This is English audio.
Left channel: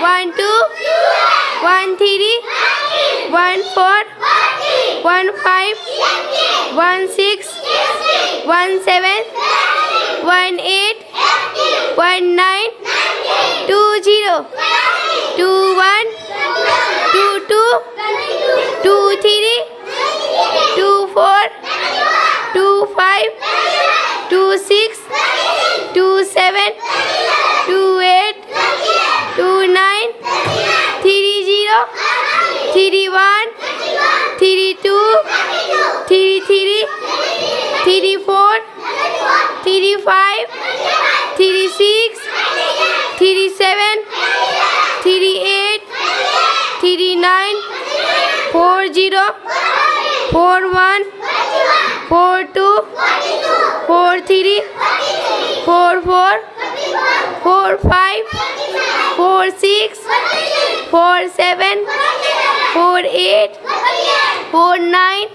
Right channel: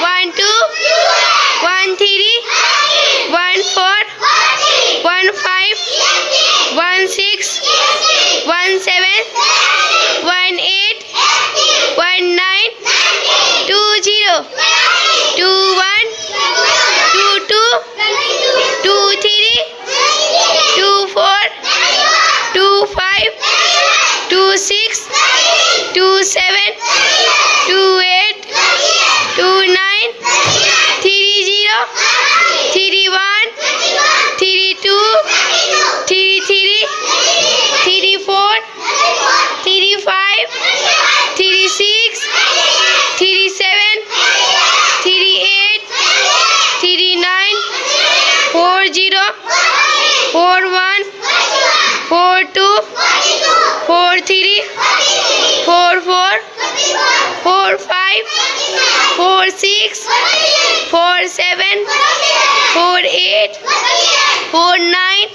1 2 1 3 1 4 1 5 1 6 1 7 1 8 1 9 2 0 2 1 2 2 2 3 2 4 2 5 2 6 2 7 2 8 2 9 3 0 3 1 3 2 3 3 3 4 3 5 3 6 3 7 3 8 3 9 4 0 4 1 4 2 4 3 4 4 4 5 4 6 4 7 4 8 4 9